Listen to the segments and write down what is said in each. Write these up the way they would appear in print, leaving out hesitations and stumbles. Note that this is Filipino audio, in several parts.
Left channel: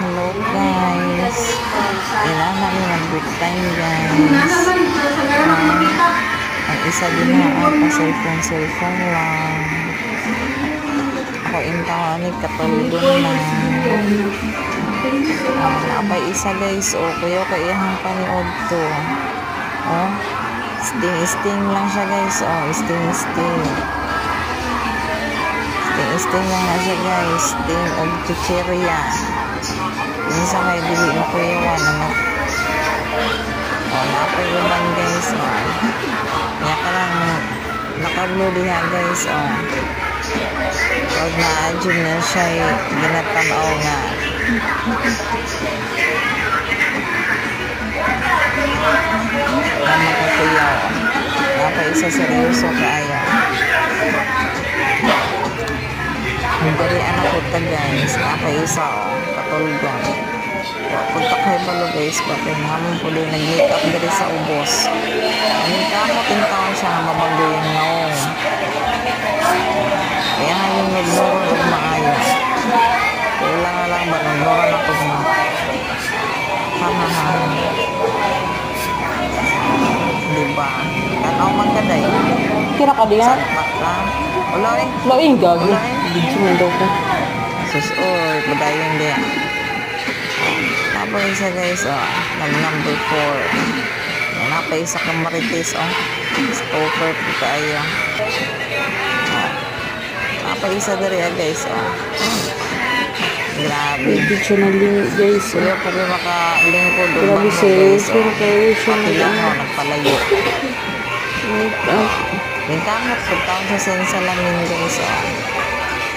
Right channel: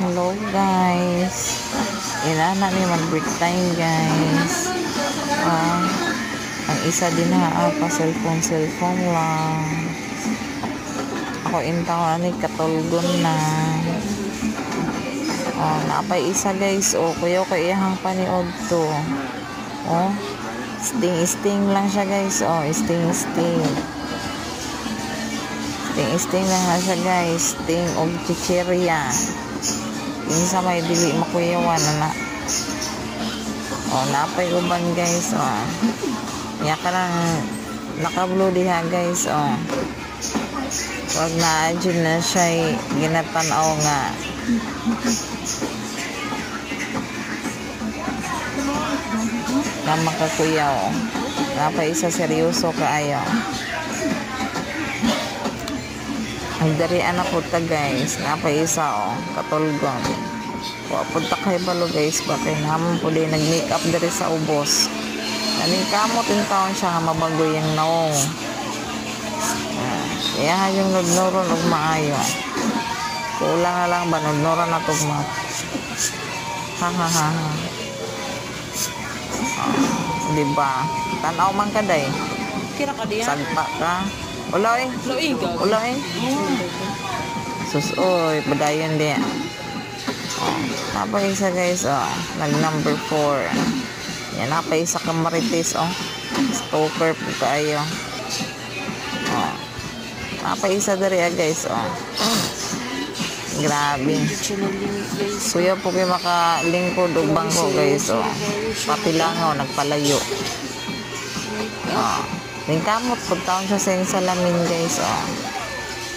Hello guys, ilan namin mag-break time guys. Ang isa din pa cellphone lang. Ako intawan ni katulgon na. Napay isa guys, kuya ko iyahang paniod to. Sting lang siya guys, sting lang na siya guys, sting og chichirya. Sa may dili makuyawan na napay uban guys. Kaya ka lang naka-blue diha guys. Pag na-adjun na siya ginatanaw nga na makakuyaw. Napay isa seryoso kaayo. Ang darian ako ta guys, napay isa katulgon. Punta kay balo guys, bakit naman po din nag-make up dari sa ubos. Aning kamot yung taon siya nga mabago yung naong. Kaya nga yung nagnoron og maayo. Kulang nga lang ba nagnoron ako ma. Diba? Tanaw man ka day. Kira ka diyan? Sagpa ka. Ulay. Maingag. Ulay. Diyan ka. Sus, padayon di. Napay isa guys, nag number 4. Yan, napay isa ka marites, stalker po kayo. Napay isa dari guys, Grabe. Guys. Kuya po kayo makalingkod o bangko guys, Pati lang nagpalayo. Yung kamot, pagtaon siya sa salamin guys,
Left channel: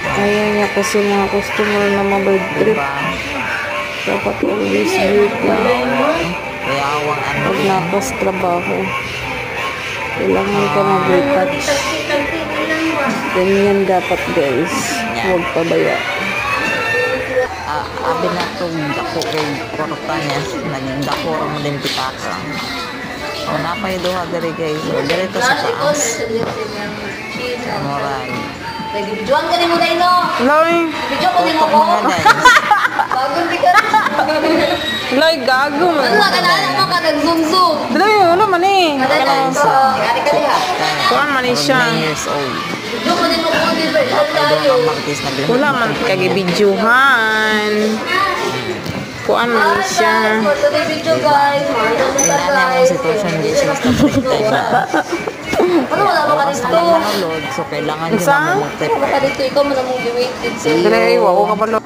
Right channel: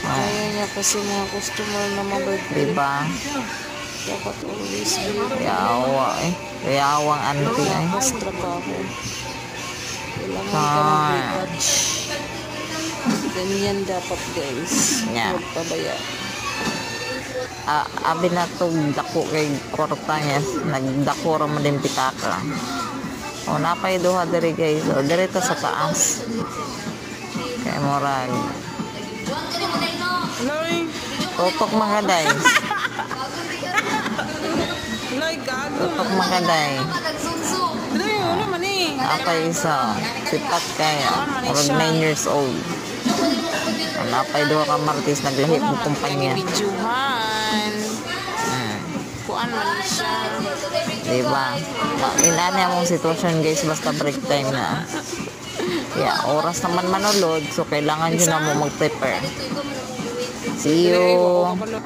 Kaya niya kasi mga customer na mabagay. Diba? Dapat always be Yawang auntie. Tapos trabaho. Kailangan ka mag-retouch. Ganyan dapat guys. Huwag pabaya. Abi na itong dako kay korta niya. Nagdako mo din pitaka. Napay duha dari guys. Dirito sa taas. Kaya moral. Juan ka ni mo dahil no? Loy! Tutok mga guys. Loy, gago man. Tutok mga guys. Ano ka nag-zoom-zoom? Loy, ano man eh? Napay isa. Sit up kayo. 9 years old. Napay duha ka martis. Naglahit Wala mo man kumpanya. kagibidyohan. Kuan man siya. Diba? Inanya mong sitwasyon guys. Basta break time na. Kaya oras naman manulod. So kailangan dyan na mo mag-prepare. Dito ikaw mo na mong biwitin. See you.